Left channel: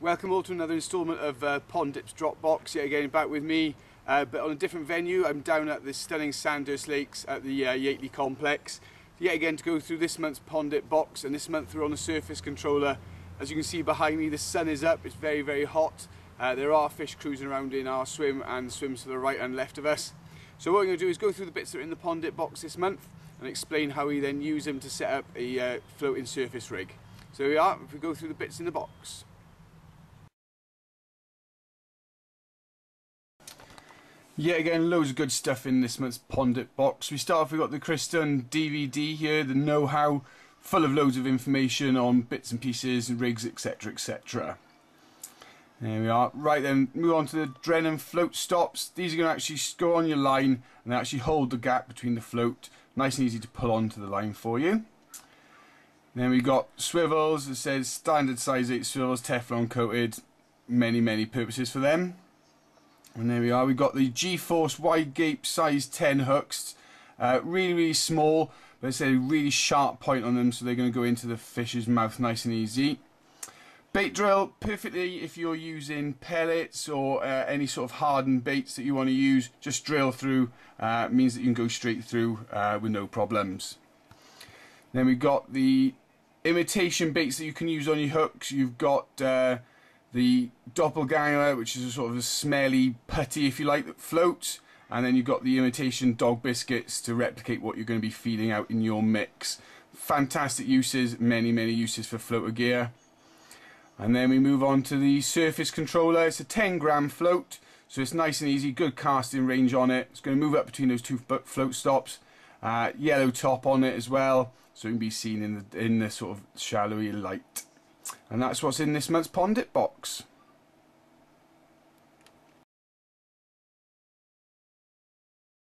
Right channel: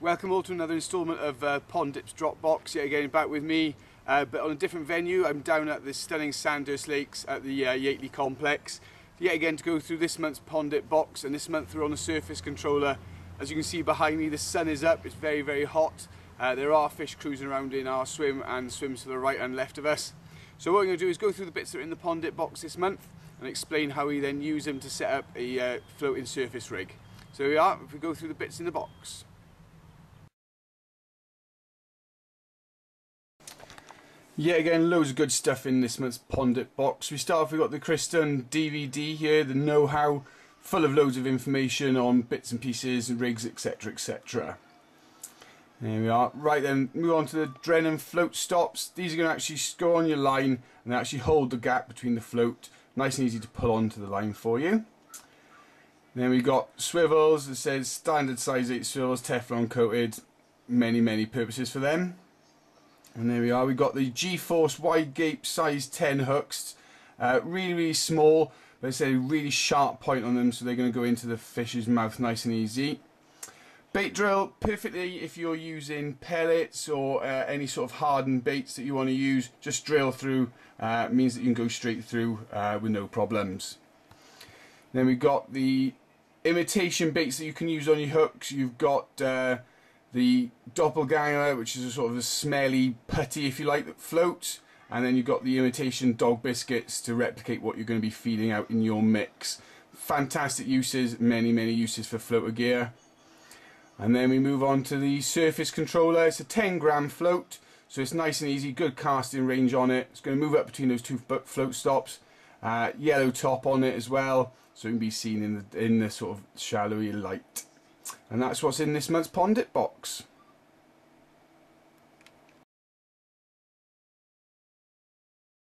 Welcome all to another instalment of Pondip's Dropbox. Yet again, back with me, but on a different venue. I'm down at the stunning Sandhurst Lakes at the Yateley complex. Yet again to go through this month's Pondip box, and this month we're on a surface controller. As you can see behind me, the sun is up, it's very, very hot. There are fish cruising around in our swim and swims to the right and left of us. So what we're going to do is go through the bits that are in the Pondip box this month and explain how we then use them to set up a floating surface rig. So here we are, if we go through the bits in the box. Yet again, loads of good stuff in this month's Pondip box. We start off, we've got the Kristen DVD here, the know-how, full of loads of information on bits and pieces, rigs, etc, etc. There we are. Right then, move on to the Drennan float stops. These are going to actually go on your line and they actually hold the gap between the float. Nice and easy to pull onto the line for you. Then we've got swivels. It says standard size 8 swivels, Teflon coated. Many purposes for them. And there we are, we've got the G-Force wide gape size 10 hooks, really small, but it's a really sharp point on them, so they're going to go into the fish's mouth nice and easy. Bait drill, perfectly if you're using pellets or any sort of hardened baits that you want to use, just drill through, means that you can go straight through with no problems. Then we've got the imitation baits that you can use on your hooks. You've got the doppelganger, which is a sort of a smelly putty, if you like, that floats, and then you've got the imitation dog biscuits to replicate what you're going to be feeding out in your mix. Fantastic uses, many uses for floater gear. And then we move on to the surface controller. It's a 10-gram float, so it's nice and easy, good casting range on it. It's going to move up between those two float stops. Yellow top on it as well, so it can be seen in the sort of shallowy light. And that's what's in this month's Pondip box.